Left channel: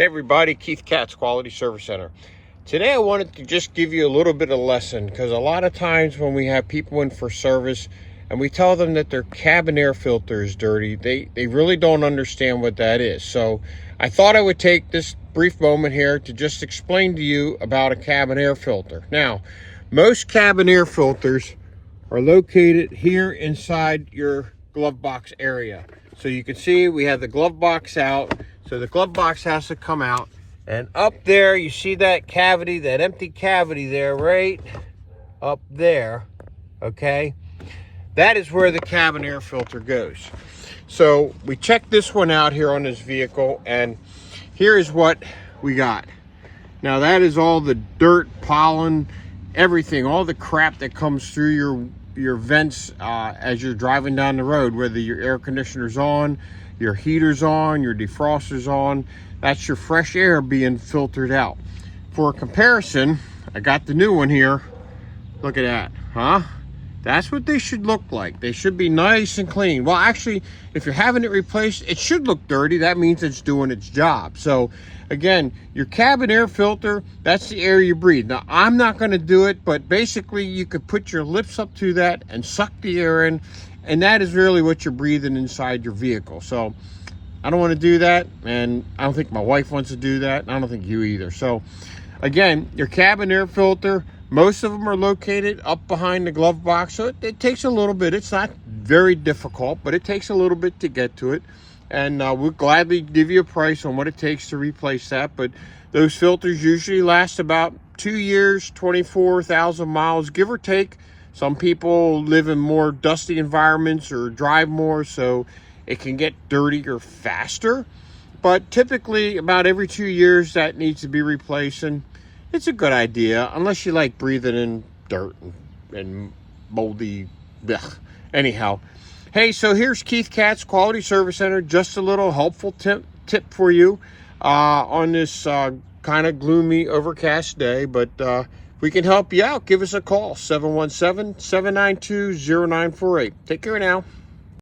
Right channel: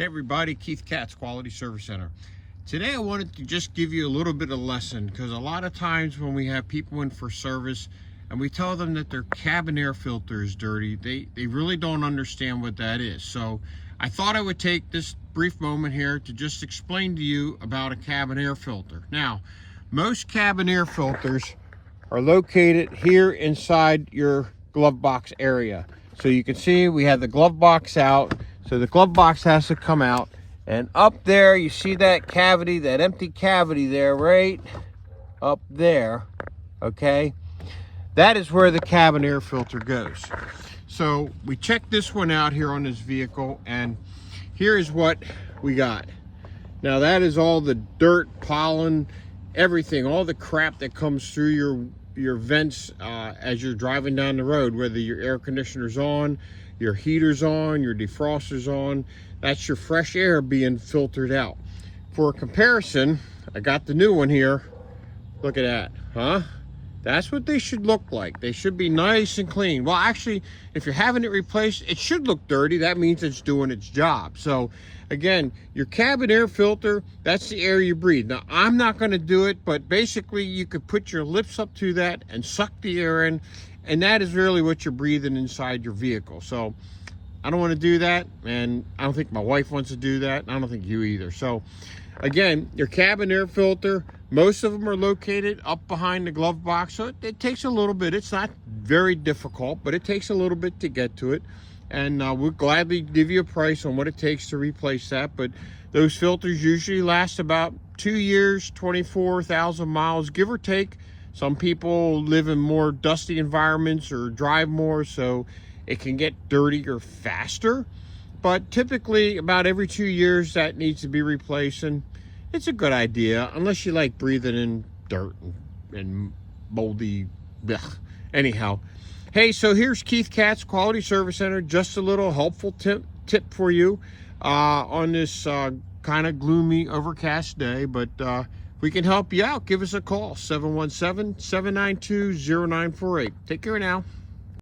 Hey everybody, Keith Katz, Quality Service Center. Today I wanted to just give you a little bit of lesson, because a lot of times when we have people in for service and we tell them that their cabin air filter is dirty, they really don't understand what that is. So I thought I would take this brief moment here to just explain to you about a cabin air filter. Now, most cabin air filters are located here inside your glove box area. So you can see we have the glove box out. So the glove box has to come out, and up there you see that cavity, that empty cavity there, right up there, okay? That is where the cabin air filter goes. So we checked this one out here on this vehicle, and here is what we got. Now that is all the dirt, pollen, everything, all the crap that comes through your vents as you're driving down the road, whether your air conditioner's on, your heater's on, your defroster's on. That's your fresh air being filtered out. For a comparison, I got the new one here. Look at that, huh? That's what they should look like. They should be nice and clean. Well, actually, if you're having it replaced, it should look dirty. That means it's doing its job. So again, your cabin air filter, that's the air you breathe. Now, I'm not gonna do it, but basically you could put your lips up to that and suck the air in, and that is really what you're breathing inside your vehicle. So I don't want to do that, and I don't think my wife wants to do that, and I don't think you either. So again, your cabin air filter, most of them are located up behind the glove box, so it takes a little bit. It's not very difficult, but it takes a little bit to get to it, and we'll gladly give you a price on what it takes to replace that. But those filters usually last about 2 years, 24,000 miles, give or take. Some people live in more dusty environments or drive more, so it can get dirtier faster. But typically about every 2 years that needs to be replaced, and it's a good idea unless you like breathing in dirt and moldy blech. Anyhow, hey, so here's Keith Katz, Quality Service Center. Just a little helpful tip for you on this kind of gloomy, overcast day. But we can help you out. Give us a call, 717-792-0948. Take care now.